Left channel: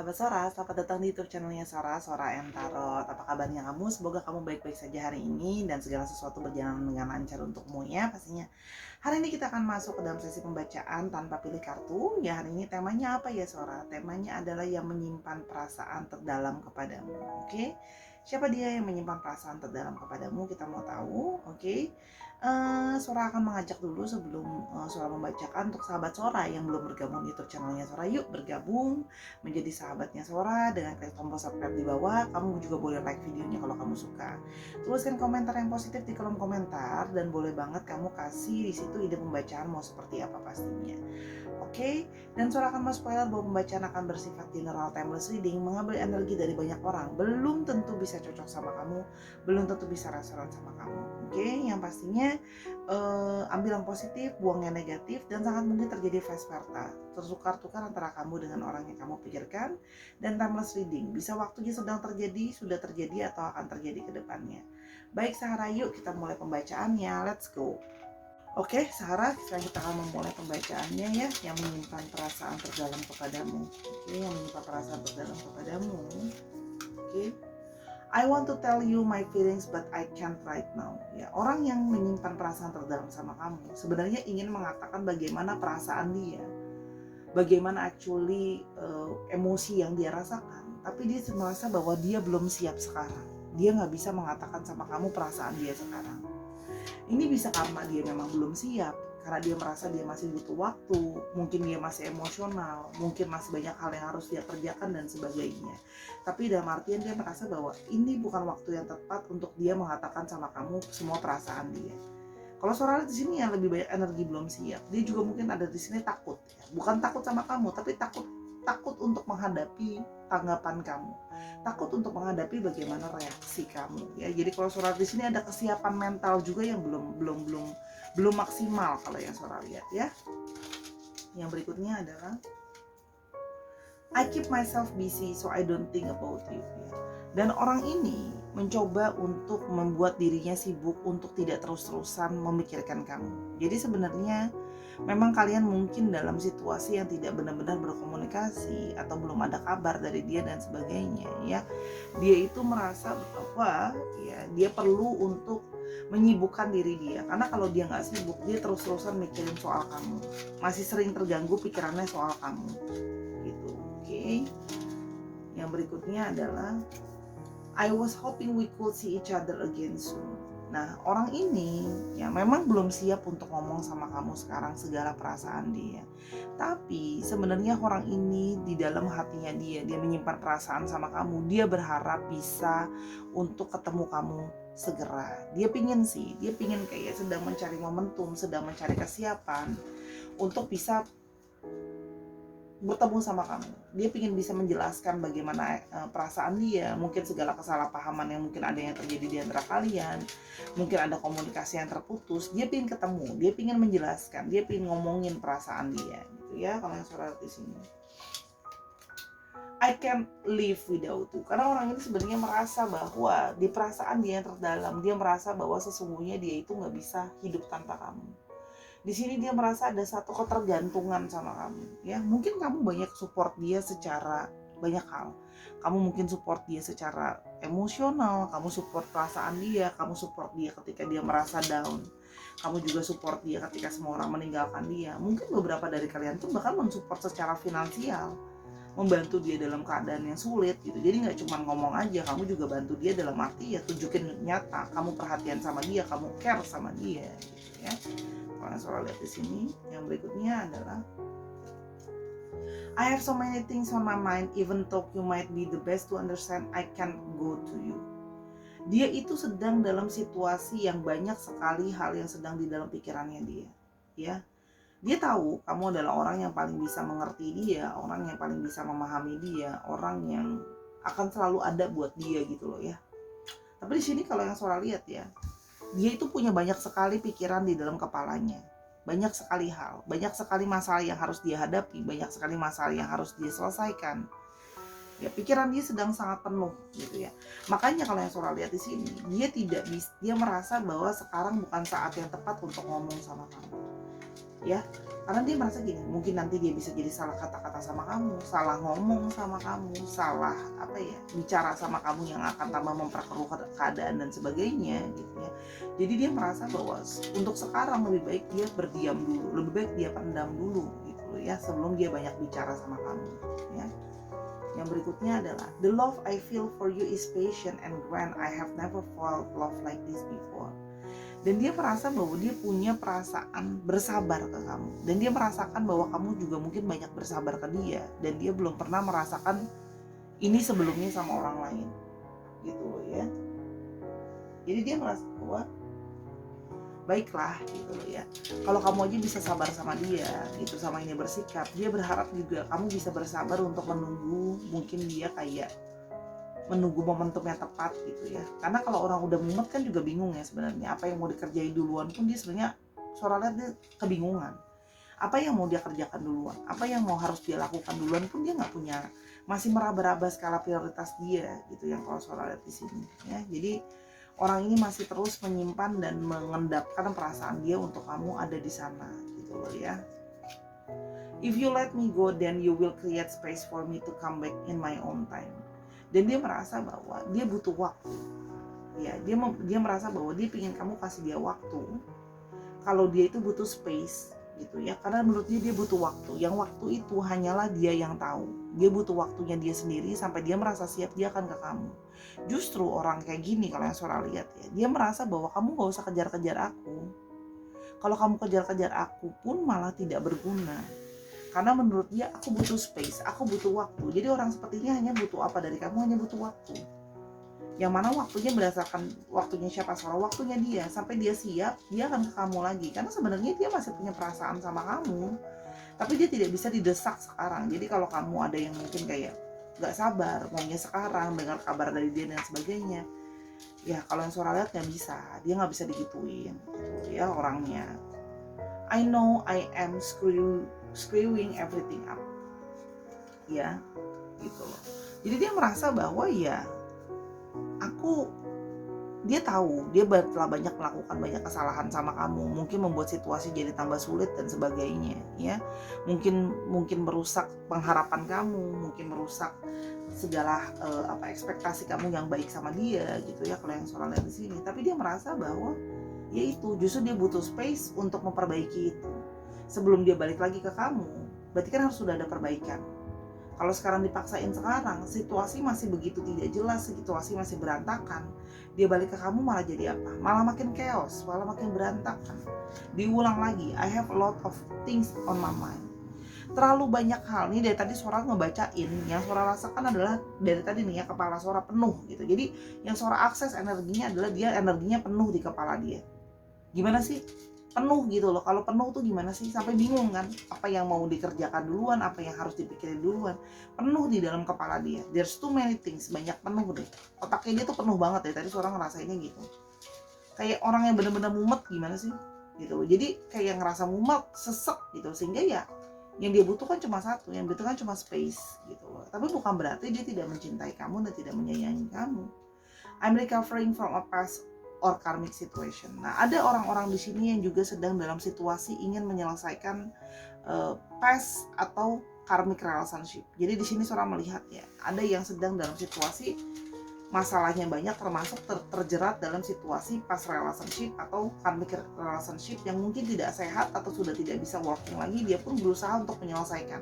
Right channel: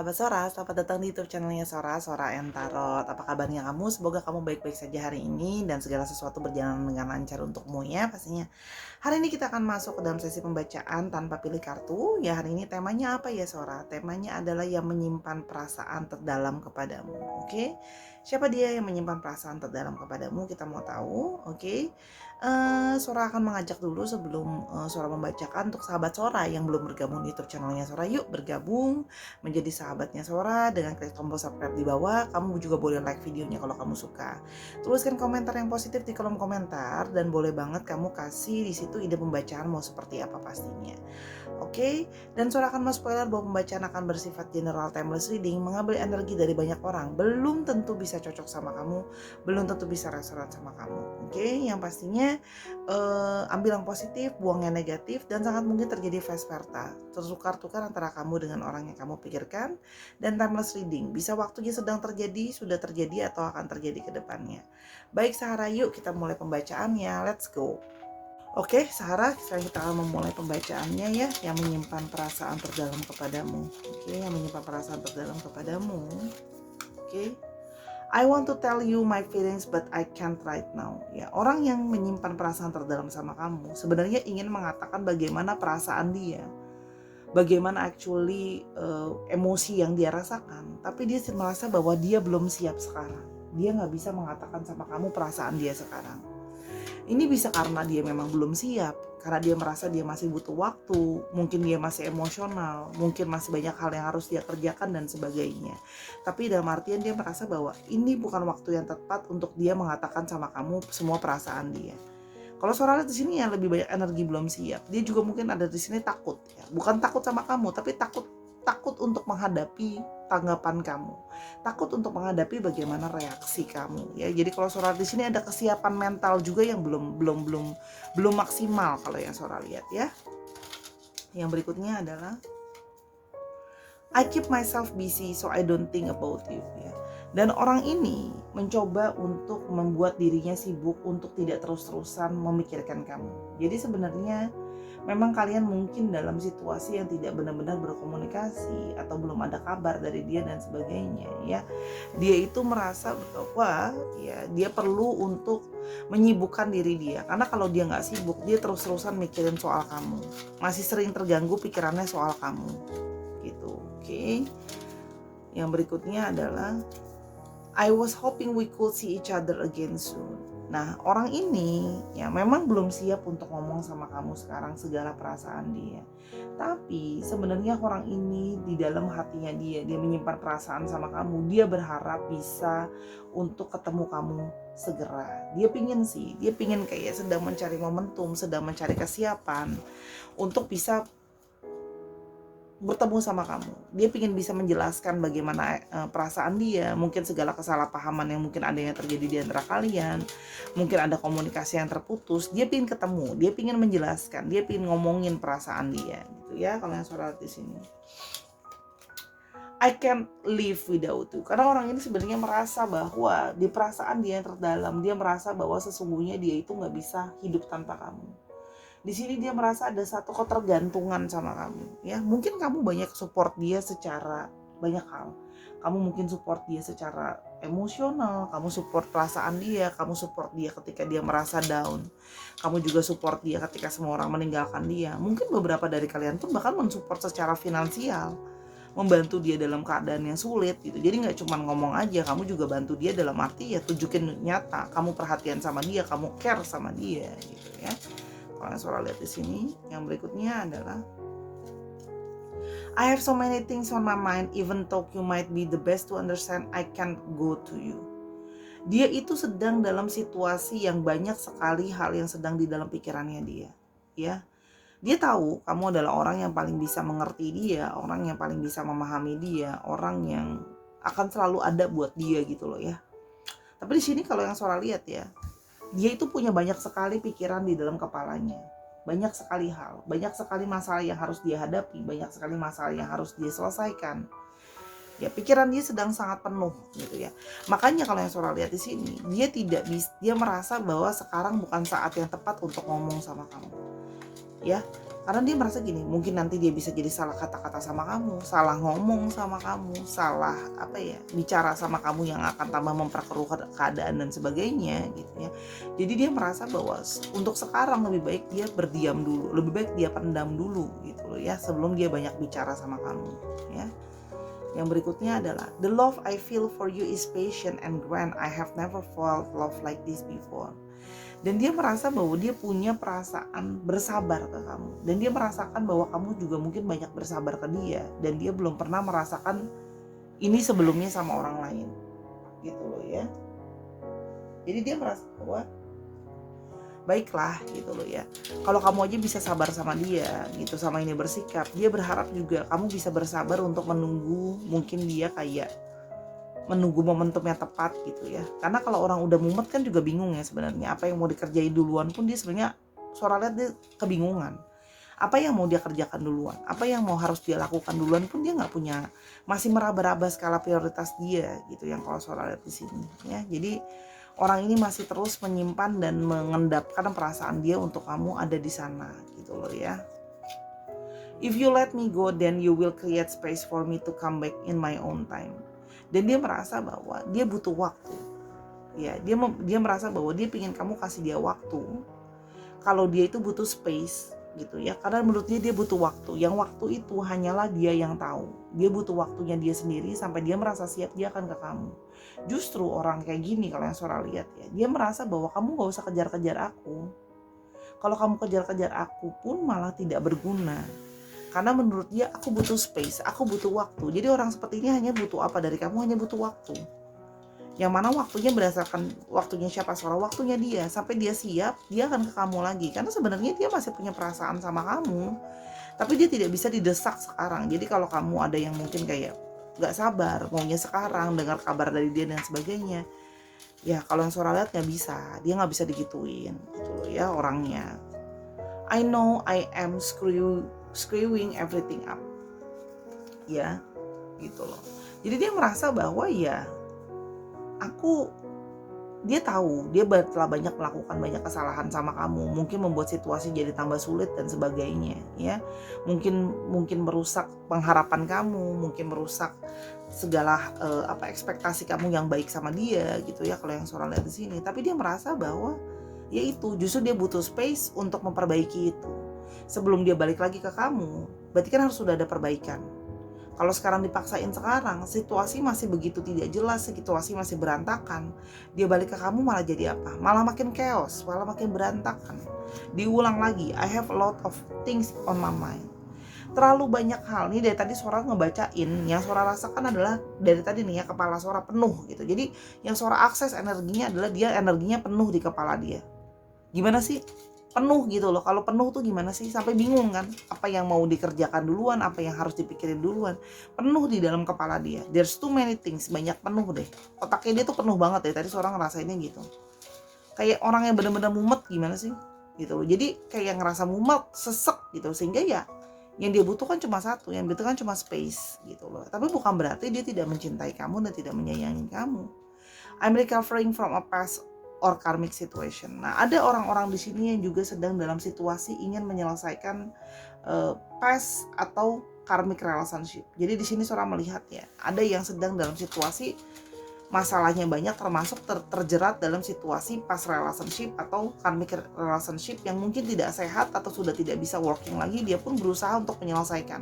sahabat Sora, selamat datang di YouTube channelnya Sora and Tarot. Apa kabarnya kamu? Semoga kamu baik-baik saja hari ini dan segala sesuatu berjalan dengan lancar untukmu ya pastinya. Hari ini kita akan masuk ke dalam sesi pembacaan tanpa pilih kartu. Ya, hari ini temanya apa ya Sora? Temanya adalah yang menyimpan perasaan terdalam kepadamu. Oke? Siapa dia yang menyimpan perasaan terdalam kepadamu? Kita mau tahu. Oke? Sora akan mengajak dulu sebelum Sora membacakan untuk sahabat Sora yang belum bergabung di YouTube channelnya Sora. Yuk bergabung menjadi sahabatnya Sora dengan klik tombol subscribe di bawah. Kamu juga boleh like videonya kalau kamu suka. Tuliskan komentar yang positif di kolom komentar dan boleh banget kamu kasih di situ ide pembacaan mau seperti apa pastinya. Oke, dan Sora akan spoiler bahwa pembacaan akan bersifat general timeless reading, mengambil energi dari banyak orang, belum tentu bisa cocok sama kamu, belum tentu bisa resonan sama kamu. Oke, yang pastinya ambil yang positif, buang yang negatif, dan sangat mungkin terjadi vice versa, tertukar-tukar antara kamu dengan orang yang kamu pikirkan. Dan timeless reading, bisa waktunya sedang terjadi, sudah terjadi, atau akan terjadi ke depannya. Baik Sahara, yuk kita mulai pembacaannya, let's go. Oke, Sarah, sekarang kita akan memulai pembacaannya ya, yang menyimpan perasaan terdalam kepadamu. Oke, yang menyimpan perasaan terdalam kepadamu. Oke. I want to tell you my feelings but I can't right now. Ya, orang yang menyimpan perasaan terdalam sama kamu sebenarnya ingin mengatakan bagaimana perasaan dia. Bagaimana actually emosi yang dia rasakan, tapi dia merasa bahwa dia belum siap sekarang. Dia nggak bisa mengatakan sama kamu perasaan dia sekarang. Ini bisa karena dia memang belum siap, karena dia merasa dia masih butuh waktu, mungkin dia masih emosional, mungkin masih banyak hal yang harus dia kerjakan dan sebagainya. Tapi dalam artian dia merasa bahwa ini bukan waktu yang tepat untuk dia mengatakan sama kamu semua perasaan dia. Kalau Sora di sini yang lebih banyak energi belum siap, dia juga mungkin ada di sini takut ya. Bukan takut sama kamu, tapi takut untuk menghadapi tanggapan kamu, takut untuk menghadapi bagaimana reaksi kamu ya. Jadi kalau Sora di sini ada kesiapan mental juga yang belum maksimal kalau yang Sora lihat ya. Yang berikutnya adalah I keep myself busy so I don't think about you ya. Dan orang ini mencoba untuk membuat dirinya sibuk untuk tidak terus-terusan memikirkan kamu. Jadi sebenarnya memang kalian mungkin dalam situasi yang tidak benar-benar berkomunikasi atau belum ada kabar dari dia dan sebagainya ya. Dia itu merasa bahwa ya dia perlu untuk menyibukkan diri dia, karena kalau dia nggak sibuk dia terus-terusan mikirin soal kamu, masih sering terganggu pikirannya soal kamu gitu. Oke. Yang berikutnya adalah I was hoping we could see each other again soon. Nah, orang ini ya memang belum siap untuk ngomong sama kamu sekarang segala perasaan dia. Tapi sebenarnya orang ini di dalam hatinya dia menyimpan perasaan sama kamu. Dia berharap bisa untuk ketemu kamu segera. Dia pingin kayak sedang mencari momentum, sedang mencari kesiapan untuk bisa bertemu sama kamu. Dia ingin bisa menjelaskan bagaimana perasaan dia, mungkin segala kesalahpahaman yang mungkin ada yang terjadi di antara kalian, mungkin ada komunikasi yang terputus. Dia ingin ketemu, dia ingin menjelaskan, dia ingin ngomongin perasaan dia, gitu ya. Kalau yang Sora di sini, I can't live without you. Karena orang ini sebenarnya merasa bahwa di perasaan dia yang terdalam, dia merasa bahwa sesungguhnya dia itu nggak bisa hidup tanpa kamu. Di sini dia merasa ada satu ketergantungan sama kamu ya. Mungkin kamu banyak support dia secara banyak hal. Kamu mungkin support dia secara emosional, kamu support perasaan dia, kamu support dia ketika dia merasa down. Kamu juga support dia ketika semua orang meninggalkan dia. Mungkin beberapa dari kalian pun bahkan mensupport secara finansial, membantu dia dalam keadaan yang sulit gitu. Jadi nggak cuma ngomong aja, kamu juga bantu dia dalam arti ya tunjukin nyata, kamu perhatian sama dia, kamu care sama dia gitu ya. Kalau Sora lihat di sini, yang berikutnya adalah I have so many things on my mind, even though you might be the best to understand, I can't go to you. Dia itu sedang dalam situasi yang banyak sekali hal yang sedang di dalam pikirannya dia, ya. Dia tahu kamu adalah orang yang paling bisa mengerti dia, orang yang paling bisa memahami dia, orang yang akan selalu ada buat dia gitu loh ya. Tapi di sini kalau yang Sora lihat ya, dia itu punya banyak sekali pikiran di dalam kepalanya, banyak sekali hal, banyak sekali masalah yang harus dia hadapi, banyak sekali masalah yang harus dia selesaikan. Ya, pikiran dia sedang sangat penuh gitu ya. Makanya kalau yang Sora lihat di sini, dia merasa bahwa sekarang bukan saat yang tepat untuk ngomong sama kamu. Ya, Karena dia merasa gini, mungkin nanti dia bisa jadi salah kata-kata sama kamu, salah ngomong sama kamu, salah bicara sama kamu yang akan tambah memperkeruh keadaan dan sebagainya gitu ya. Jadi dia merasa bahwa untuk sekarang lebih baik dia berdiam dulu, lebih baik dia pendam dulu gitu loh ya, sebelum dia banyak bicara sama kamu ya. Yang berikutnya adalah, the love I feel for you is patient and grand. I have never felt love like this before. Dan dia merasa bahwa dia punya perasaan bersabar ke kamu, dan dia merasakan bahwa kamu juga mungkin banyak bersabar ke dia, dan dia belum pernah merasakan ini sebelumnya sama orang lain gitu loh ya. Jadi dia merasa bahwa baiklah gitu loh ya, kalau kamu aja bisa sabar sama dia gitu, sama ini bersikap, dia berharap juga kamu bisa bersabar untuk menunggu, mungkin dia kayak menunggu momentum yang tepat gitu ya. Karena kalau orang udah mumet kan juga bingung ya sebenarnya, apa yang mau dikerjain duluan pun dia sebenarnya suara lihat dia kebingungan. Apa yang mau dia kerjakan duluan, apa yang mau harus dia lakukan duluan pun dia nggak punya, masih meraba-raba skala prioritas dia gitu yang kalau suara lihat di sini ya. Jadi orang ini masih terus menyimpan dan mengendapkan perasaan dia untuk kamu ada di sana gitu loh ya. If you let me go, then you will create space for me to come back in my own time. Dan dia merasa bahwa dia butuh waktu ya, dia merasa bahwa dia ingin kamu kasih dia waktu, kalau dia itu butuh space gitu ya, karena menurut dia butuh waktu, yang waktu itu hanyalah dia yang tahu, dia butuh waktunya dia sendiri sampai dia merasa siap dia akan ke kamu. Justru orang kayak gini kalau yang suara lihat ya, dia merasa bahwa kamu gak usah kejar-kejar aku, kalau kamu kejar-kejar aku pun malah tidak berguna. Karena menurut dia aku butuh space, aku butuh waktu. Jadi orang seperti ini hanya butuh apa dari kamu? Hanya butuh waktu. Yang mana waktunya berdasarkan waktunya siapa? Suara waktunya dia. Sampai dia siap, dia akan ke kamu lagi. Karena sebenarnya dia masih punya perasaan sama kamu. Tapi dia tidak bisa didesak sekarang. Jadi kalau kamu ada yang mungkin kayak gak sabar, maunya sekarang, dengar kabar dari dia dan sebagainya. Ya kalau yang suara lihat gak bisa. Dia gak bisa digituin gitu ya orangnya. I know I am screwing everything up ya gitu loh. Jadi dia merasa bahwa ya dia tahu dia telah banyak melakukan banyak kesalahan sama kamu, mungkin membuat situasi jadi tambah sulit dan sebagainya ya, mungkin merusak pengharapan kamu, mungkin merusak segala ekspektasi kamu yang baik sama dia gitu ya kalau yang suara lihat di sini. Tapi dia merasa bahwa ya itu justru dia butuh space untuk memperbaiki itu sebelum dia balik lagi ke kamu. Berarti kan harus sudah ada perbaikan. Kalau sekarang dipaksain sekarang, situasi masih begitu tidak jelas, situasi masih berantakan, dia balik ke kamu malah jadi apa? Malah makin chaos, malah makin berantakan. Diulang lagi, I have a lot of things on my mind. Terlalu banyak hal nih, dari tadi suara ngebacain, yang suara rasakan adalah dari tadi nih ya, kepala suara penuh gitu. Jadi yang suara akses energinya adalah dia energinya penuh di kepala dia. Gimana sih penuh gitu loh? Kalau penuh tuh gimana sih? Sampai bingung kan apa yang mau dikerjakan duluan, apa yang harus dipikirin duluan. Penuh di dalam kepala dia, there's too many things, banyak penuh deh. Otaknya dia tuh penuh banget deh. Tadi seorang ngerasainnya gitu, kayak orang yang benar-benar mumet gimana sih gitu loh. Jadi kayak ngerasa mumet, sesek gitu, sehingga ya yang dia butuhkan cuma satu, yang butuhkan cuma space gitu loh. Tapi bukan berarti dia tidak mencintai kamu dan tidak menyayangi kamu. I'm recovering from a past or karmic situation. Nah, ada orang-orang di sini yang juga sedang dalam situasi ingin menyelesaikan past atau karmic relationship. Jadi di sini seorang melihat ya, ada yang sedang dalam situasi masalahnya banyak, termasuk terjerat dalam situasi past relationship atau karmic relationship yang mungkin tidak sehat atau sudah tidak bisa working lagi. Dia pun berusaha untuk menyelesaikan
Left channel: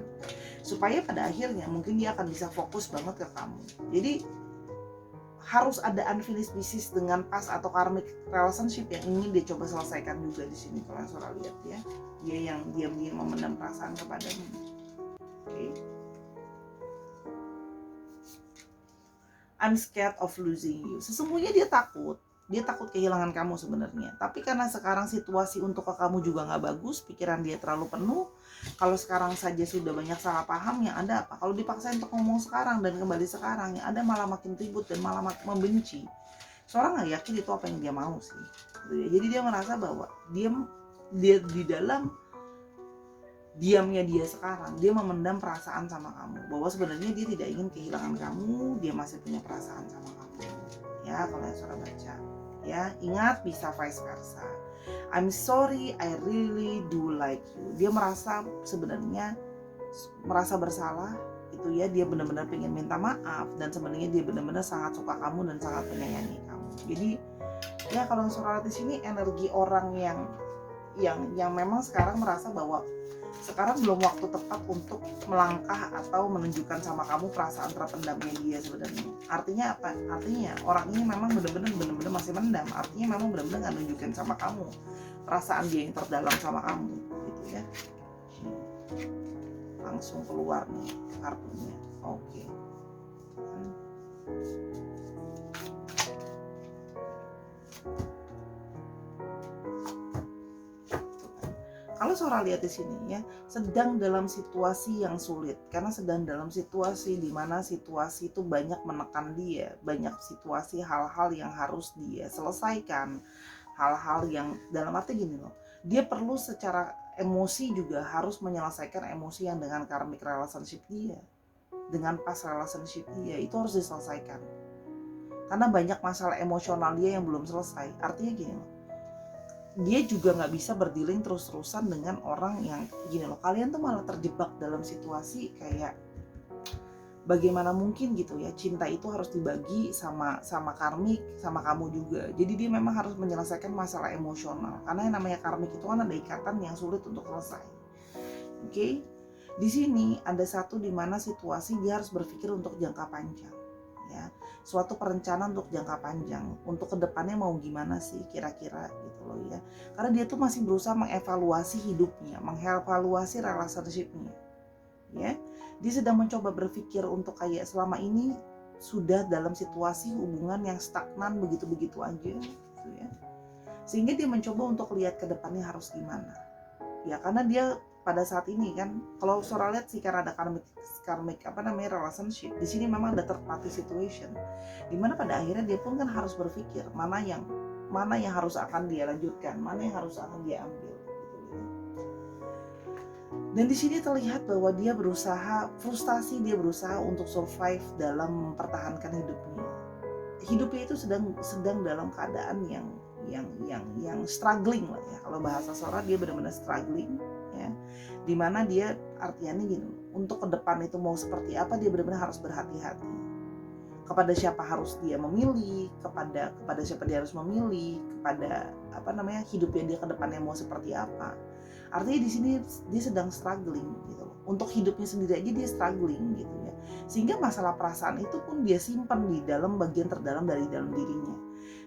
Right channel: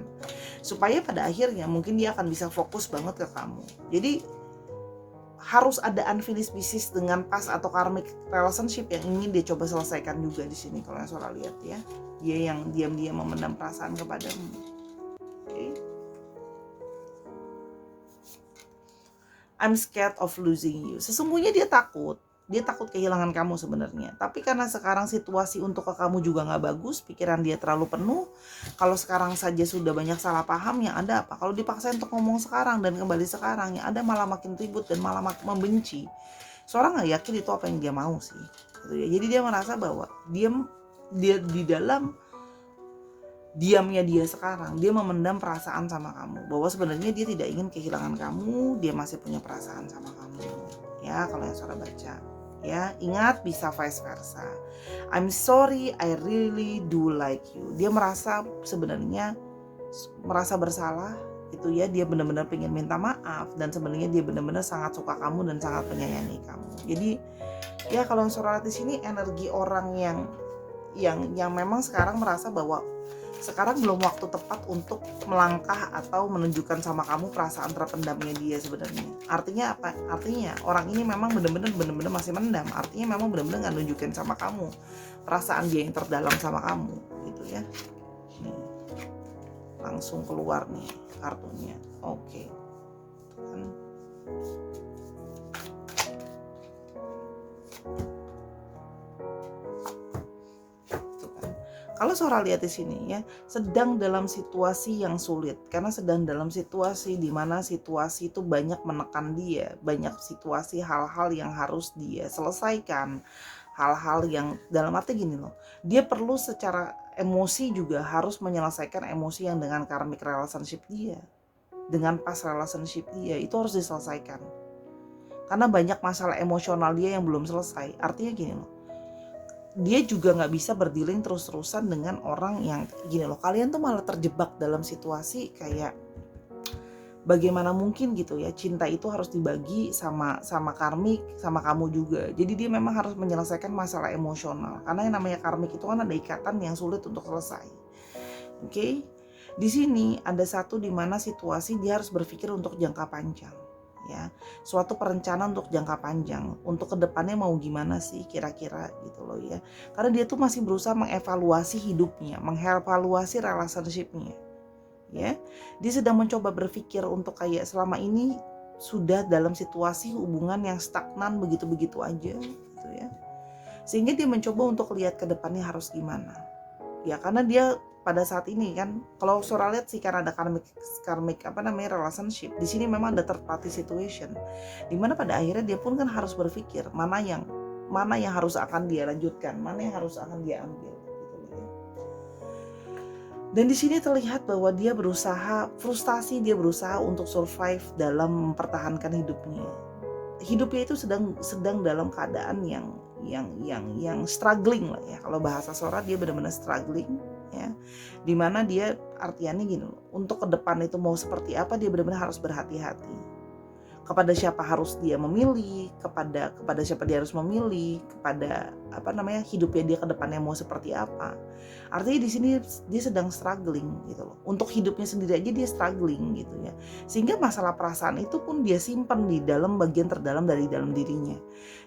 supaya pada akhirnya mungkin dia akan bisa fokus banget ke kamu. Jadi harus ada unfinished business dengan past atau karmic relationship yang ingin dia coba selesaikan juga di sini kalau yang saudara lihat ya. Dia yang diam-diam memendam perasaan kepadamu. Okay. I'm scared of losing you. Sesungguhnya dia takut kehilangan kamu sebenarnya. Tapi karena sekarang situasi untuk ke kamu juga nggak bagus, pikiran dia terlalu penuh. Kalau sekarang saja sudah banyak salah paham, yang ada apa? Kalau dipaksa untuk ngomong sekarang dan kembali sekarang, yang ada malah makin ribut dan malah makin membenci. Seorang nggak yakin itu apa yang dia mau sih. Jadi dia merasa bahwa dia di dalam diamnya dia sekarang, dia memendam perasaan sama kamu, bahwa sebenarnya dia tidak ingin kehilangan kamu, dia masih punya perasaan sama kamu ya kalau yang saudara baca. Ya, ingat bisa vice versa. I'm sorry, I really do like you. Dia merasa sebenarnya merasa bersalah itu ya, dia benar-benar pengen minta maaf dan sebenarnya dia benar-benar sangat suka kamu dan sangat menyayangi kamu. Jadi ya kalau suara di sini energi orang yang memang sekarang merasa bahwa sekarang belum waktu tepat untuk melangkah atau menunjukkan sama kamu perasaan terpendamnya dia sebenarnya. Artinya apa? Artinya orang ini memang benar-benar masih mendam. Artinya memang benar-benar nggak nunjukin sama kamu perasaan dia yang terdalam sama kamu, gitu ya. Langsung keluar nih kartunya. Oke. Kalau Sora lihat di sini ya, sedang dalam situasi yang sulit, karena sedang dalam situasi di mana situasi itu banyak menekan dia, banyak situasi hal-hal yang harus dia selesaikan, hal-hal yang dalam arti gini loh, dia perlu secara emosi juga harus menyelesaikan emosi yang dengan karmic relationship dia, dengan past relationship dia, itu harus diselesaikan. Karena banyak masalah emosional dia yang belum selesai. Artinya gini loh, dia juga nggak bisa berdealing terus-terusan dengan orang yang gini loh, kalian tuh malah terjebak dalam situasi kayak bagaimana mungkin gitu ya, cinta itu harus dibagi sama karmik, sama kamu juga. Jadi dia memang harus menyelesaikan masalah emosional, karena yang namanya karmik itu kan ada ikatan yang sulit untuk selesai. Oke? Di sini ada satu di mana situasi dia harus berpikir untuk jangka panjang. Ya, suatu perencanaan untuk jangka panjang, untuk kedepannya mau gimana sih kira-kira gitu loh ya, karena dia tuh masih berusaha mengevaluasi hidupnya, mengevaluasi relationship-nya ya. Dia sedang mencoba berpikir untuk kayak selama ini sudah dalam situasi hubungan yang stagnan begitu-begitu aja gitu ya, sehingga dia mencoba untuk lihat ke depannya harus gimana ya, karena dia pada saat ini kan, kalau Sora lihat sih karena ada karmic relationship di sini, memang ada third party situation dimana pada akhirnya dia pun kan harus berpikir mana yang harus akan dia lanjutkan, mana yang harus akan dia ambil gitu ya. Dan di sini terlihat bahwa dia berusaha frustasi, dia berusaha untuk survive dalam mempertahankan hidupnya itu sedang dalam keadaan yang struggling lah ya, kalau bahasa Sora dia benar-benar struggling ya, dimana dia artiannya gini, untuk ke depan itu mau seperti apa dia benar-benar harus berhati-hati kepada siapa harus dia memilih, kepada siapa dia harus memilih, kepada hidupnya dia ke depannya mau seperti apa. Artinya di sini dia sedang struggling gitu loh, untuk hidupnya sendiri aja dia struggling gitu ya, sehingga masalah perasaan itu pun dia simpan di dalam bagian terdalam dari dalam dirinya.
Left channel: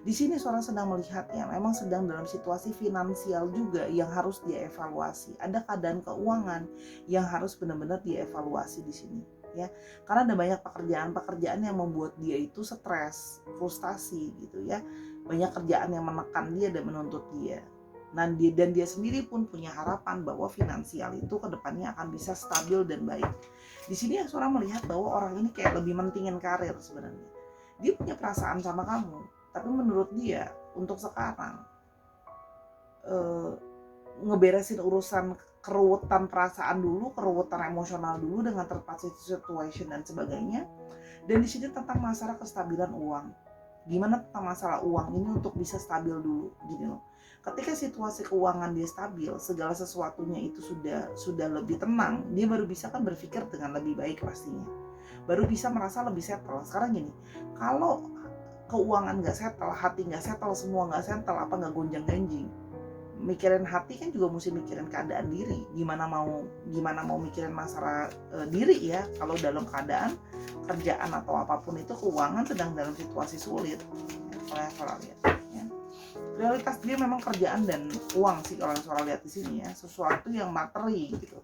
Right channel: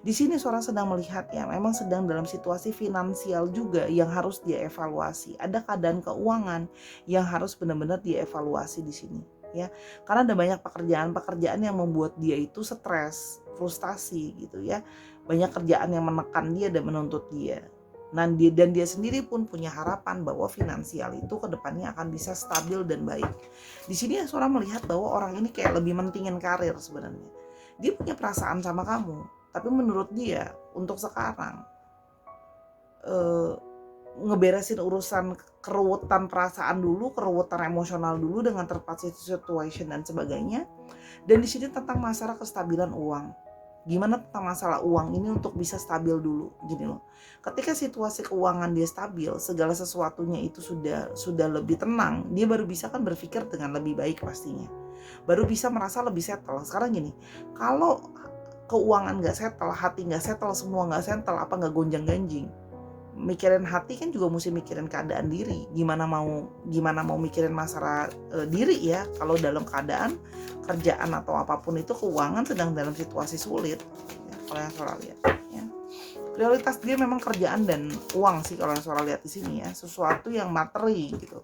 Di sini seorang sedang melihat ya, memang sedang dalam situasi finansial juga yang harus dia evaluasi. Ada keadaan keuangan yang harus benar-benar dia evaluasi di sini ya. Karena ada banyak pekerjaan yang membuat dia itu stres, frustasi gitu ya. Banyak kerjaan yang menekan dia dan menuntut dia. Dan dia sendiri pun punya harapan bahwa finansial itu kedepannya akan bisa stabil dan baik. Di sini seorang melihat bahwa orang ini kayak lebih mentingin karir sebenarnya. Dia punya perasaan sama kamu, tapi menurut dia untuk sekarang ngeberesin urusan keruwetan perasaan dulu, keruwetan emosional dulu dengan terpaksa situation dan sebagainya. Dan di sini tentang masalah kestabilan uang. Gimana tentang masalah uang ini untuk bisa stabil dulu, gini loh. Ketika situasi keuangan dia stabil, segala sesuatunya itu sudah lebih tenang, dia baru bisa kan berpikir dengan lebih baik pastinya. Baru bisa merasa lebih settle. Sekarang gini, kalau keuangan nggak settle, hati nggak settle, semua nggak settle, apa nggak gonjang-ganjing, mikirin hati kan juga mesti mikirin keadaan diri. Gimana mau mikirin masalah diri ya, kalau dalam keadaan kerjaan atau apapun itu keuangan sedang dalam situasi sulit ya, kalau yang Sora lihat ya. Prioritas dia memang kerjaan dan uang sih kalau yang Sora lihat di sini ya, sesuatu yang materi gitu.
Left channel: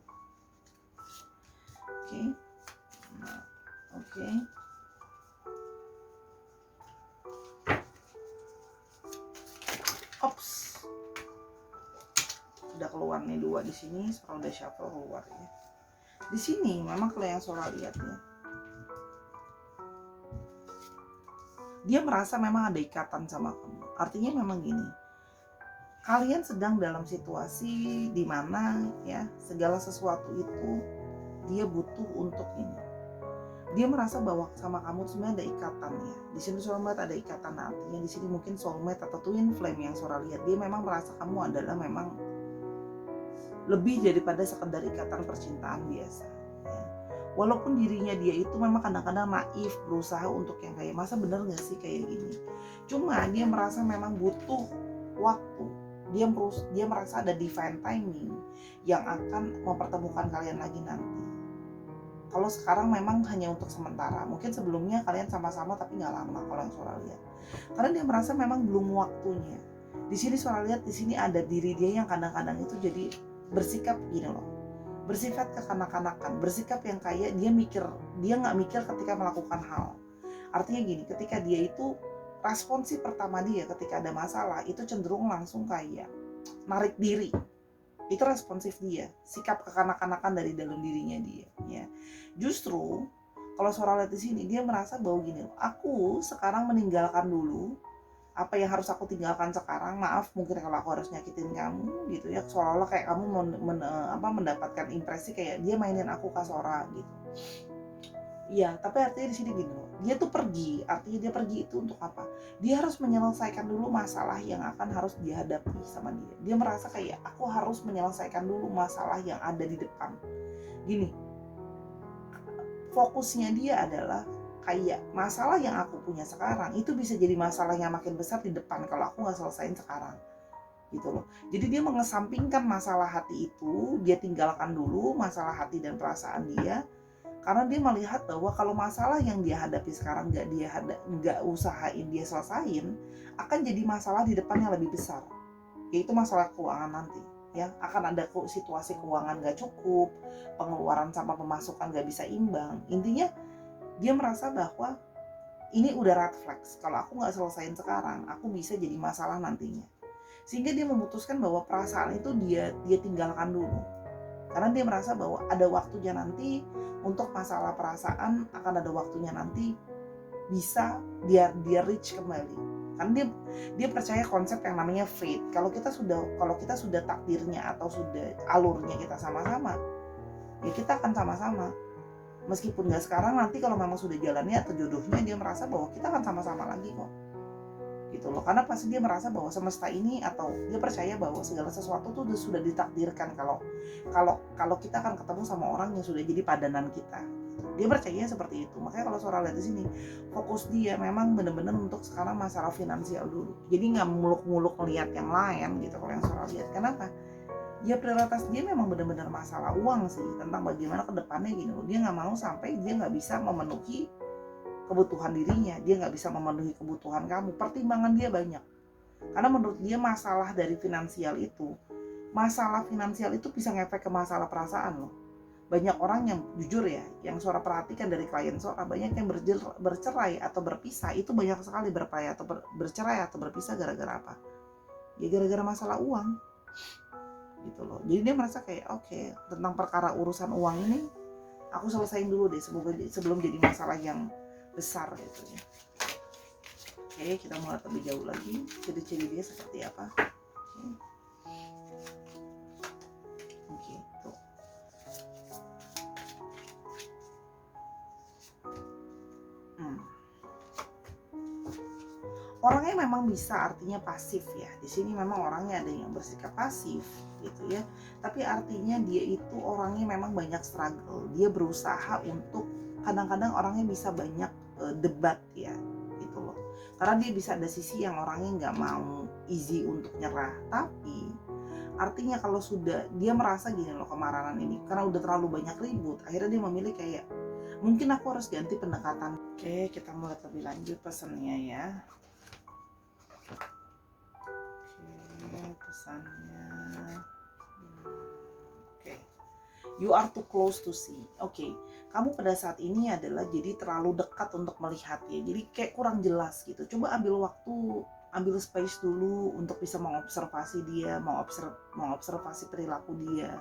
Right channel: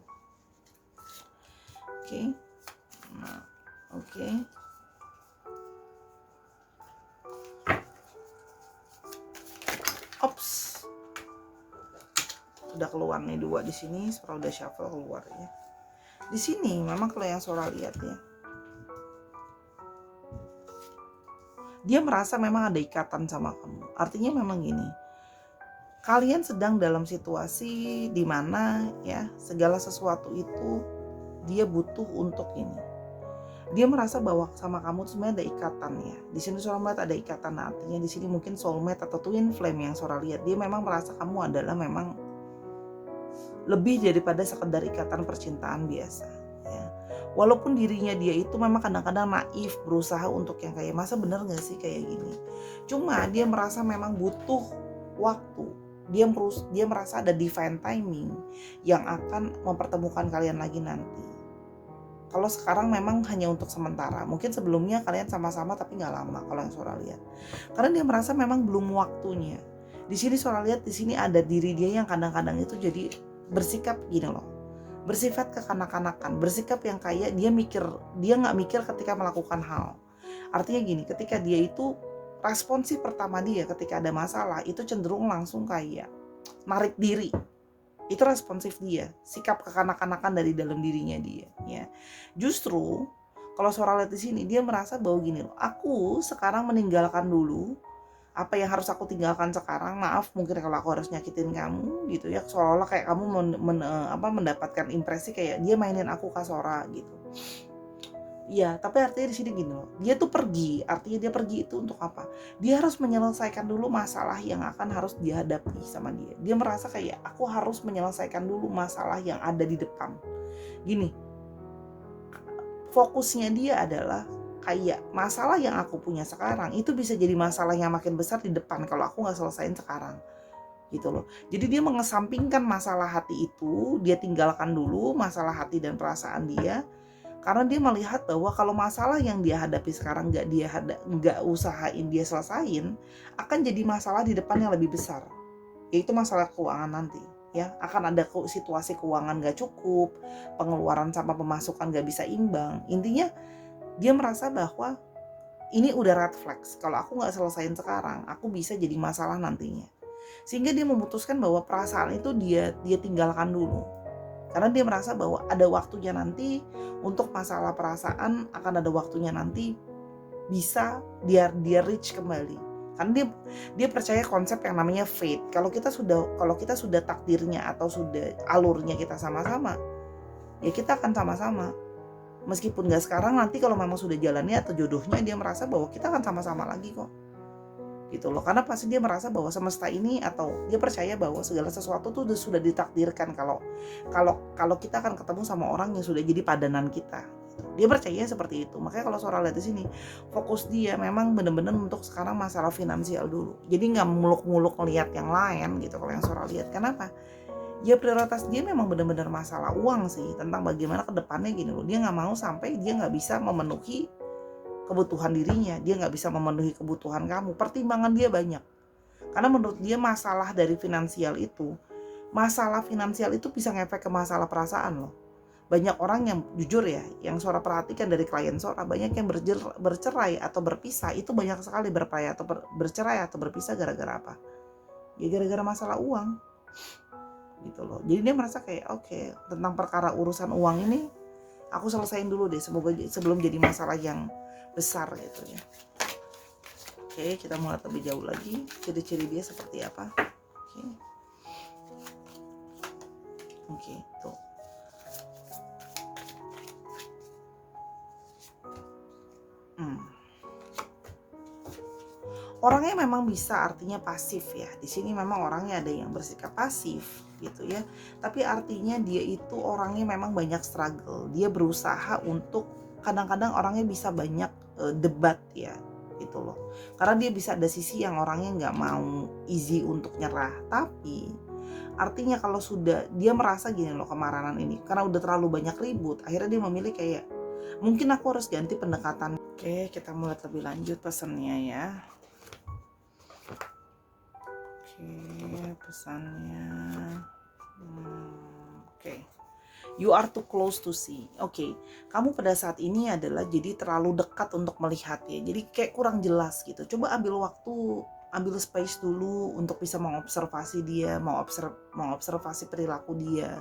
Oke. Nah, oke. Ops. Udah keluar nih 2 di sini, sekarang udah shuffle keluar ya. Di sini memang kalau yang Sora lihat ya, dia merasa memang ada ikatan sama kamu. Artinya memang gini, kalian sedang dalam situasi di mana ya segala sesuatu itu dia butuh untuk ini. Dia merasa bahwa sama kamu tuh sebenarnya ada ikatan ya. Di sini Sora melihat ada ikatan, artinya di sini mungkin soulmate atau twin flame yang Sora lihat. Dia memang merasa kamu adalah memang lebih daripada sekedar ikatan percintaan biasa ya. Walaupun dirinya dia itu memang kadang-kadang naif, berusaha untuk yang kayak masa bener gak sih kayak gini. Cuma dia merasa memang butuh waktu. Dia merasa ada divine timing yang akan mempertemukan kalian lagi nanti. Kalau sekarang memang hanya untuk sementara. Mungkin sebelumnya kalian sama-sama tapi nggak lama kalau yang Sora lihat. Karena dia merasa memang belum waktunya. Di sini Sora lihat di sini ada diri dia yang kadang-kadang itu jadi bersikap gini loh. Bersifat kekanak-kanakan, bersikap yang kayak dia nggak mikir ketika melakukan hal. Artinya gini, ketika dia itu responsif pertama dia ketika ada masalah itu cenderung langsung kayak narik diri. Itu responsif dia, sikap kekanak-kanakan dari dalam dirinya dia ya. Justru kalau Sora lihat di sini dia merasa bahwa gini loh, aku sekarang meninggalkan dulu apa yang harus aku tinggalkan sekarang. Maaf mungkin kalau aku harus nyakitin kamu gitu ya, seolah-olah kayak kamu mendapatkan impresi kayak dia mainin aku ke Sora gitu. Iya, tapi artinya di sini gini loh, dia tuh pergi, artinya dia pergi itu untuk apa? Dia harus menyelesaikan dulu masalah yang akan harus dihadapi sama dia. Dia merasa kayak aku harus menyelesaikan dulu masalah yang ada di depan. Gini, fokusnya dia adalah kayak masalah yang aku punya sekarang itu bisa jadi masalah yang makin besar di depan kalau aku nggak selesain sekarang gitu loh. Jadi dia mengesampingkan masalah hati itu, dia tinggalkan dulu masalah hati dan perasaan dia, karena dia melihat bahwa kalau masalah yang dia hadapi sekarang nggak usahain dia selesain, akan jadi masalah di depan yang lebih besar, yaitu masalah keuangan nanti ya. Akan ada situasi keuangan nggak cukup, pengeluaran sama pemasukan nggak bisa imbang. Intinya dia merasa bahwa ini udah red flags, kalau aku nggak selesain sekarang aku bisa jadi masalah nantinya. Sehingga dia memutuskan bahwa perasaan itu dia tinggalkan dulu, karena dia merasa bahwa ada waktunya nanti untuk masalah perasaan, akan ada waktunya nanti bisa dia reach kembali. Karena dia percaya konsep yang namanya fate. Kalau kita sudah takdirnya atau sudah alurnya kita sama-sama, ya kita akan sama-sama. Meskipun gak sekarang, nanti kalau memang sudah jalannya atau jodohnya, dia merasa bahwa kita akan sama-sama lagi kok gitu loh. Karena pasti dia merasa bahwa semesta ini, atau dia percaya bahwa segala sesuatu tuh sudah ditakdirkan kalau kita akan ketemu sama orang yang sudah jadi padanan kita. Dia percaya seperti itu. Makanya kalau Sora lihat di sini, fokus dia memang benar-benar untuk sekarang masalah finansial dulu. Jadi nggak muluk-muluk melihat yang lain gitu kalau yang Sora lihat. Kenapa? Ya prioritas dia memang benar-benar masalah uang sih, tentang bagaimana ke depannya gini loh. Dia nggak mau sampai dia nggak bisa memenuhi kebutuhan dirinya, dia nggak bisa memenuhi kebutuhan kamu. Pertimbangan dia banyak, karena menurut dia masalah finansial itu bisa ngefek ke masalah perasaan loh. Banyak orang yang jujur ya, yang Sora perhatikan dari klien Sora, banyak yang bercerai atau berpisah itu banyak sekali, bercerai atau berpisah gara-gara apa? Ya gara-gara masalah uang gitu loh. Jadi dia merasa kayak oke, tentang perkara urusan uang ini aku selesain dulu deh, semoga sebelum jadi masalah yang besar gitu ya. Oke, kita mulai lebih jauh lagi, ciri-ciri dia seperti apa. Oke, tuh. Orangnya memang bisa, artinya pasif ya. Di sini memang orangnya ada yang bersikap pasif gitu ya. Tapi artinya dia itu orangnya memang banyak struggle. Dia berusaha untuk, kadang-kadang orangnya bisa banyak debat ya gitu loh. Karena dia bisa ada sisi yang orangnya nggak mau easy untuk nyerah. Tapi artinya kalau sudah dia merasa gini loh, kemarahan ini karena udah terlalu banyak ribut, akhirnya dia memilih kayak mungkin aku harus ganti pendekatan. Oke, kita mulai lebih lanjut pesannya ya. Oke, pesannya. Oke. You are too close to see. Oke, kamu pada saat ini adalah jadi terlalu dekat untuk melihat ya. Jadi kayak kurang jelas gitu. Coba ambil waktu, ambil space dulu untuk bisa mengobservasi dia, mengobservasi perilaku dia.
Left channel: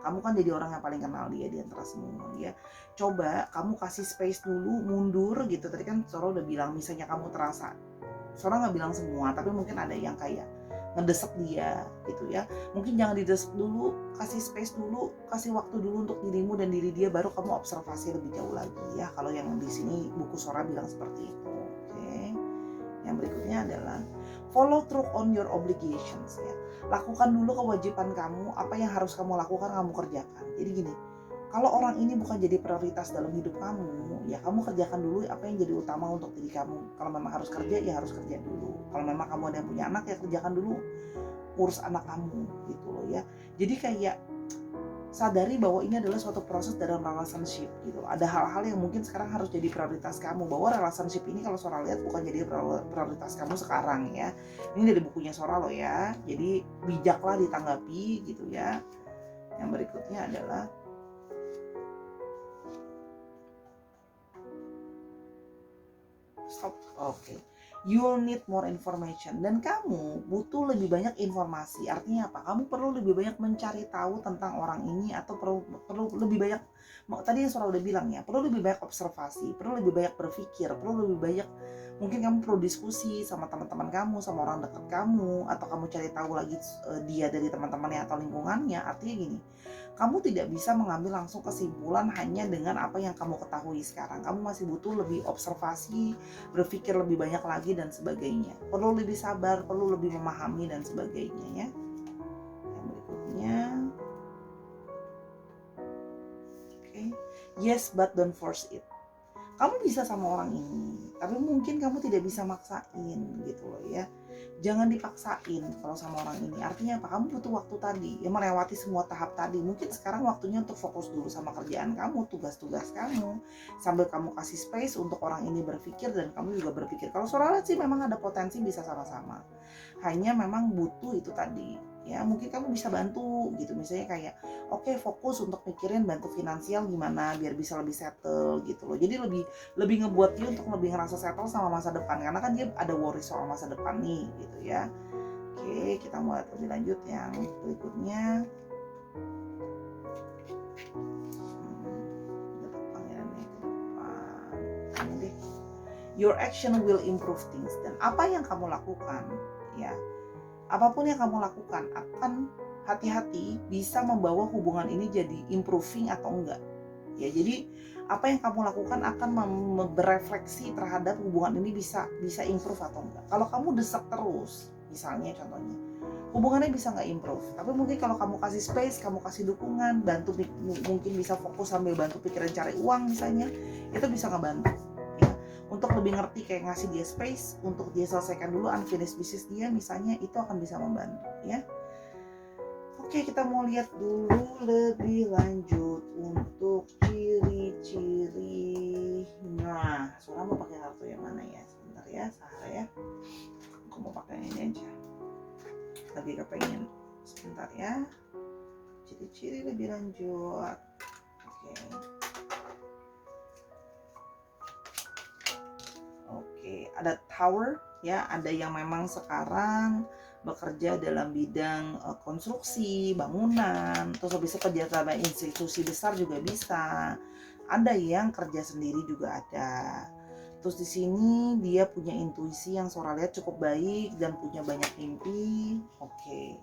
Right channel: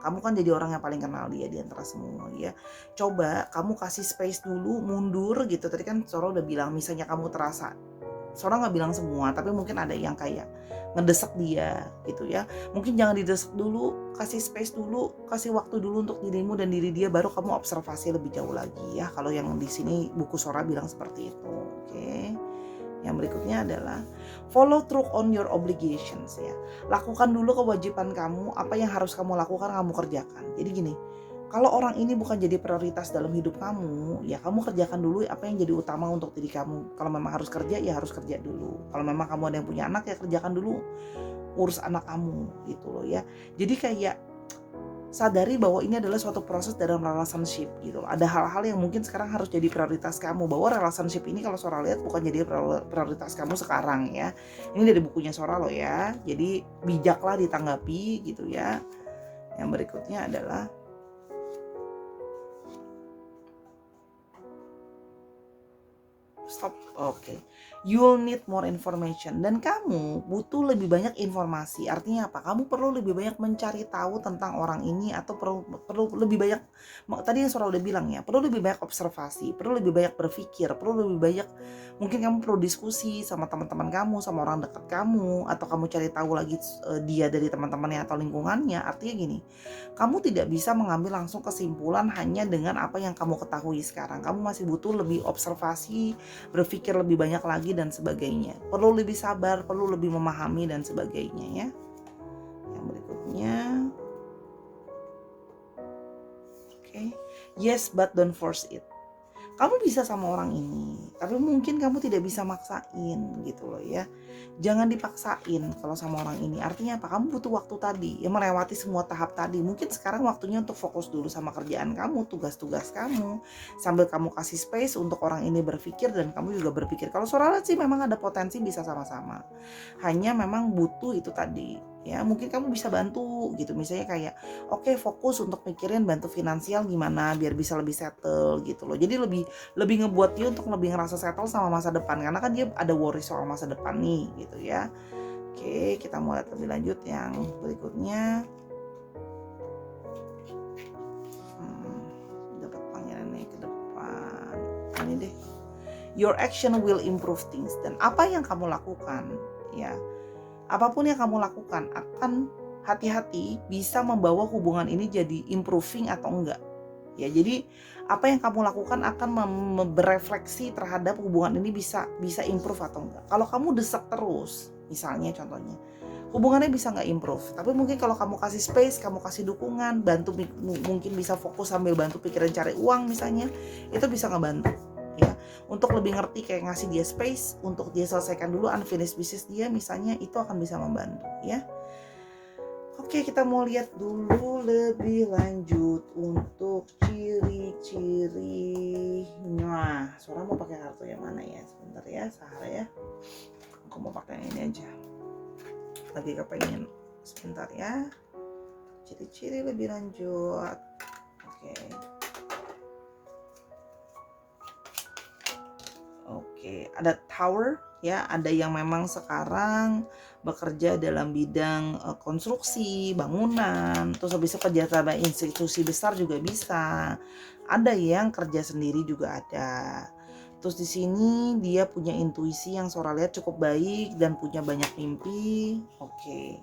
Kamu kan jadi orang yang paling kenal dia di antara semua ya. Coba kamu kasih space dulu, mundur gitu. Tadi kan Sora udah bilang, misalnya kamu terasa, Sora nggak bilang semua, tapi mungkin ada yang kayak ngedesak dia gitu ya. Mungkin jangan didesak dulu, kasih space dulu, kasih waktu dulu untuk dirimu dan diri dia, baru kamu observasi lebih jauh lagi ya. Kalau yang di sini buku Sora bilang seperti itu. Oke. Yang berikutnya adalah follow through on your obligations ya. Lakukan dulu kewajiban kamu, apa yang harus kamu lakukan kamu kerjakan. Jadi gini, kalau orang ini bukan jadi prioritas dalam hidup kamu, ya kamu kerjakan dulu apa yang jadi utama untuk diri kamu. Kalau memang harus kerja, ya harus kerja dulu. Kalau memang kamu ada yang punya anak, ya kerjakan dulu urus anak kamu gitu loh ya. Jadi kayak sadari bahwa ini adalah suatu proses dalam relationship gitu loh. Ada hal-hal yang mungkin sekarang harus jadi prioritas kamu, bahwa relationship ini kalau Sora lihat bukan jadi prioritas kamu sekarang ya. Ini dari bukunya Sora loh ya. Jadi bijaklah ditanggapi gitu ya. Yang berikutnya adalah stop. Oke. You'll need more information, dan kamu butuh lebih banyak informasi. Artinya apa? Kamu perlu lebih banyak mencari tahu tentang orang ini, atau perlu lebih banyak, tadi yang Sora udah bilang ya, perlu lebih banyak observasi, perlu lebih banyak berpikir, perlu lebih banyak, mungkin kamu perlu diskusi sama teman-teman kamu, sama orang dekat kamu, atau kamu cari tahu lagi dia dari teman-temannya atau lingkungannya. Artinya gini, kamu tidak bisa mengambil langsung kesimpulan hanya dengan apa yang kamu ketahui sekarang. Kamu masih butuh lebih observasi, berpikir lebih banyak lagi dan sebagainya. Perlu lebih sabar, perlu lebih memahami dan sebagainya ya. Yang berikutnya, oke. Yes, but don't force it. Kamu bisa sama orang ini, tapi mungkin kamu tidak bisa maksain gitu loh ya. Jangan dipaksain kalau sama orang ini. Artinya apa? Kamu butuh waktu tadi, ya melewati semua tahap tadi. Mungkin sekarang waktunya untuk fokus dulu sama kerjaan kamu, tugas-tugas kamu, sambil kamu kasih space untuk orang ini berpikir dan kamu juga berpikir. Kalau Sora lihat sih memang ada potensi bisa sama-sama. Hanya memang butuh itu tadi. Ya, mungkin kamu bisa bantu gitu. Misalnya kayak oke, fokus untuk mikirin bantu finansial gimana biar bisa lebih settle gitu loh. Jadi lebih ngebuat dia untuk lebih ngerasa settle sama masa depan, karena kan dia ada worry soal masa depan nih gitu ya. Oke, kita mulai lebih lanjut yang berikutnya. Dapat pangeran nih ke depan. Ini deh. Your action will improve things, dan apa yang kamu lakukan ya, apapun yang kamu lakukan akan hati-hati bisa membawa hubungan ini jadi improving atau enggak. Ya, jadi apa yang kamu lakukan akan berefleksi terhadap hubungan ini bisa improve atau enggak. Kalau kamu desak terus, misalnya contohnya, hubungannya bisa nggak improve. Tapi mungkin kalau kamu kasih space, kamu kasih dukungan, bantu, mungkin bisa fokus sambil bantu pikiran cari uang misalnya, itu bisa ngebantu. Ya, untuk lebih ngerti kayak ngasih dia space untuk dia selesaikan dulu unfinished business dia misalnya, itu akan bisa membantu ya. Oke, kita mau lihat dulu lebih lanjut untuk ciri-ciri. Nah, Sora mau pakai kartu yang mana ya? Sebentar ya, Sahara ya. Aku mau pakai ini aja. Lagi kepengen. Sebentar ya. Ciri-ciri lebih lanjut. Oke, ada tower ya, ada yang memang sekarang bekerja dalam bidang konstruksi, bangunan, terus habis itu kerja sama institusi besar juga bisa. Ada yang kerja sendiri juga ada. Terus di sini dia punya intuisi yang Sora lihat cukup baik dan punya banyak mimpi. Oke.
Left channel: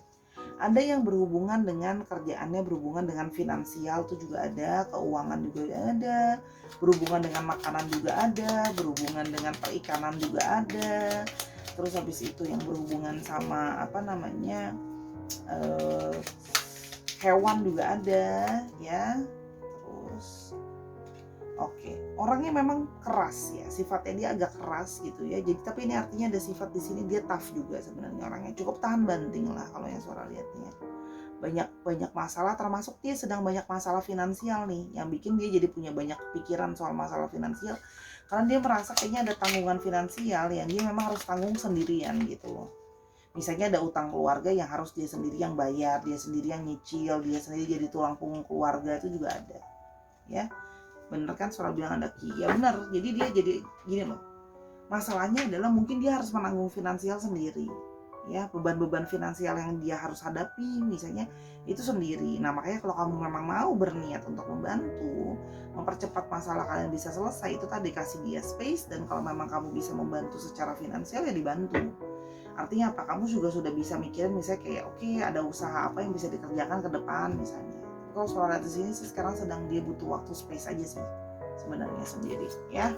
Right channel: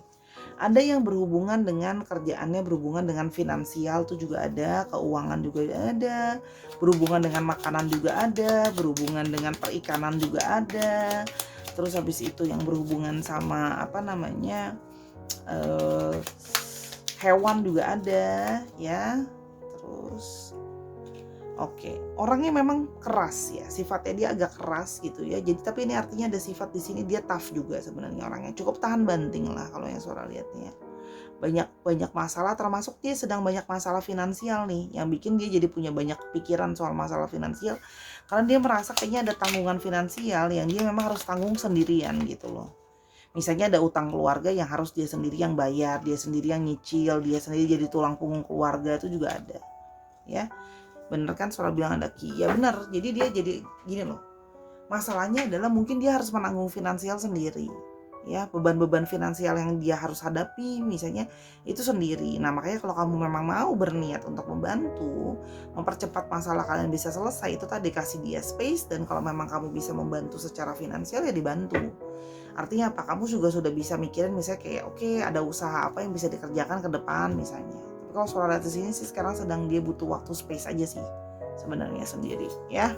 Ada yang berhubungan dengan kerjaannya, berhubungan dengan finansial tuh juga ada, keuangan juga ada, berhubungan dengan makanan juga ada, berhubungan dengan perikanan juga ada. Terus habis itu yang berhubungan sama hewan juga ada ya. Terus oke, orangnya memang keras ya, sifatnya dia agak keras gitu ya. Jadi tapi ini artinya ada sifat di sini dia tough juga sebenarnya orangnya, cukup tahan banting lah kalau yang Sora lihatnya. Banyak masalah, termasuk dia sedang banyak masalah finansial nih, yang bikin dia jadi punya banyak pikiran soal masalah finansial, karena dia merasa kayaknya ada tanggungan finansial yang dia memang harus tanggung sendirian gitu loh. Misalnya ada utang keluarga yang harus dia sendiri yang bayar, dia sendiri yang nyicil, dia sendiri jadi tulang punggung keluarga, itu juga ada ya. Bener kan Sora bilang ada ki, ya bener. Jadi dia jadi gini loh, masalahnya adalah mungkin dia harus menanggung finansial sendiri ya, beban-beban finansial yang dia harus hadapi misalnya itu sendiri. Nah makanya kalau kamu memang mau berniat untuk membantu mempercepat masalah kalian bisa selesai, itu tadi kasih dia space, dan kalau memang kamu bisa membantu secara finansial ya dibantu. Artinya apa? Kamu juga sudah bisa mikirin misalnya kayak oke, ada usaha apa yang bisa dikerjakan ke depan misalnya. Tapi kalau suara lihat di sini sih sekarang sedang dia butuh waktu space aja sih sebenarnya sendiri ya.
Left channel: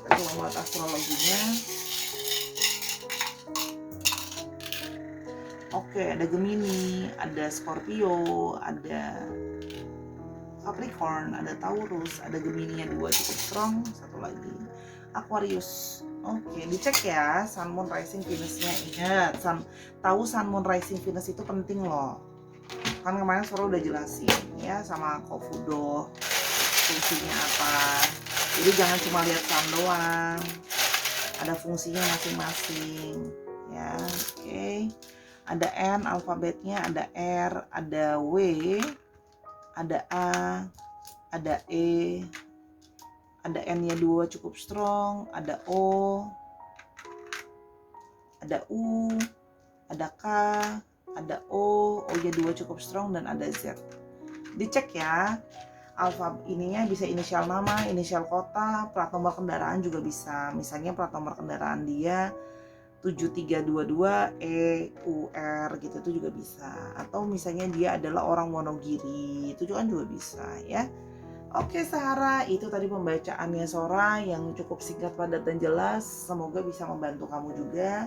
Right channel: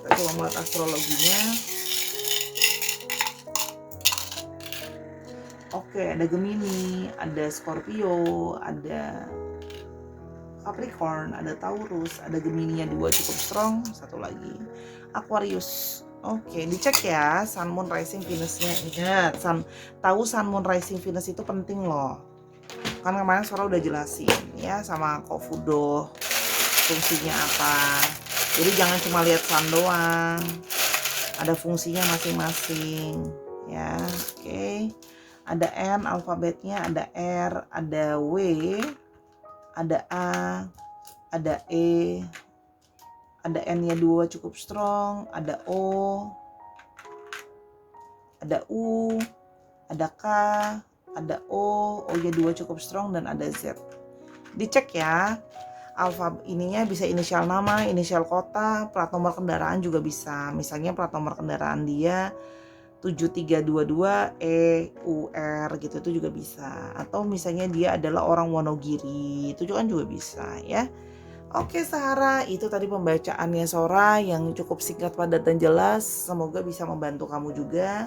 Kita coba melihat astrologinya. Oke, ada Gemini, ada Scorpio, ada Capricorn, ada Taurus, ada Gemini yang 2 cukup strong, satu lagi Aquarius. Oke, dicek ya Sun, Moon, Rising, Venus-nya. Ingat, tahu Sun, Moon, Rising, Venus itu penting loh. Kan kemarin Sora udah jelasin ya sama Kofudo fungsinya apa. Jadi jangan cuma lihat Sun doang, ada fungsinya masing-masing ya. Oke. Ada N alfabetnya, ada R, ada W, ada A, ada E, ada N-nya 2 cukup strong, ada O, ada U, ada K, ada O, O-nya 2 cukup strong, dan ada Z. Dicek ya, alfabet ininya bisa inisial nama, inisial kota, plat nomor kendaraan juga bisa. Misalnya plat nomor kendaraan dia 7322 EUR gitu, itu juga bisa. Atau misalnya dia adalah orang Wonogiri, itu kan juga bisa ya. Oke Sarah, itu tadi pembacaannya Sora yang cukup singkat, padat, dan jelas. Semoga bisa membantu kamu juga.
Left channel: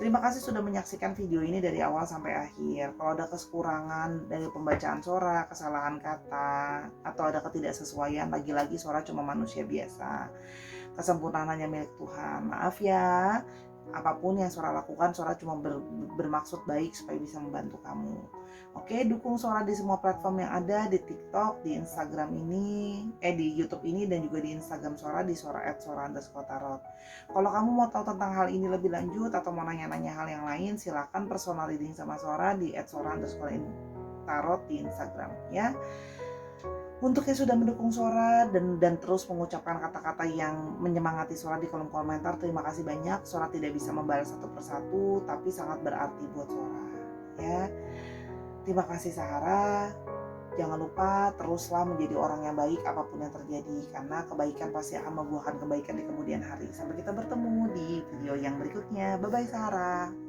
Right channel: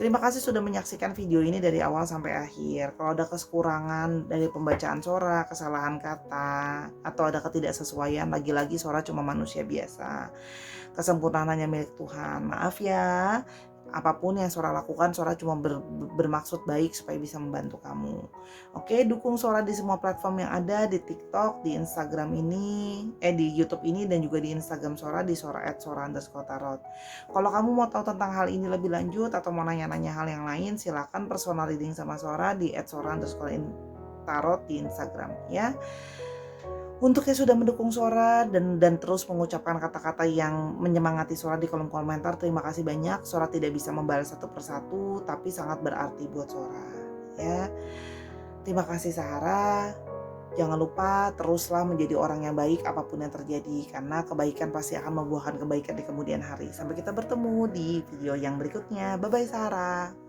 Terima kasih sudah menyaksikan video ini dari awal sampai akhir. Kalau ada kekurangan dari pembacaan Sora, kesalahan kata, atau ada ketidaksesuaian, lagi-lagi Sora cuma manusia biasa. Kesempurnaan hanya milik Tuhan. Maaf ya. Apapun yang Sora lakukan, Sora cuma bermaksud baik supaya bisa membantu kamu. Oke, dukung Sora di semua platform yang ada, di TikTok, di Instagram ini, di YouTube ini, dan juga di Instagram Sora di @sora_tarot. Kalau kamu mau tahu tentang hal ini lebih lanjut atau mau nanya-nanya hal yang lain, silakan personal reading sama Sora di @sora_tarot di Instagram ya. Untuk yang sudah mendukung Sora dan terus mengucapkan kata-kata yang menyemangati Sora di kolom komentar, terima kasih banyak. Sora tidak bisa membalas satu persatu, tapi sangat berarti buat Sora ya. Terima kasih Sahara. Jangan lupa teruslah menjadi orang yang baik apapun yang terjadi, karena kebaikan pasti akan membuahkan kebaikan di kemudian hari. Sampai kita bertemu di video yang berikutnya. Bye bye Sahara.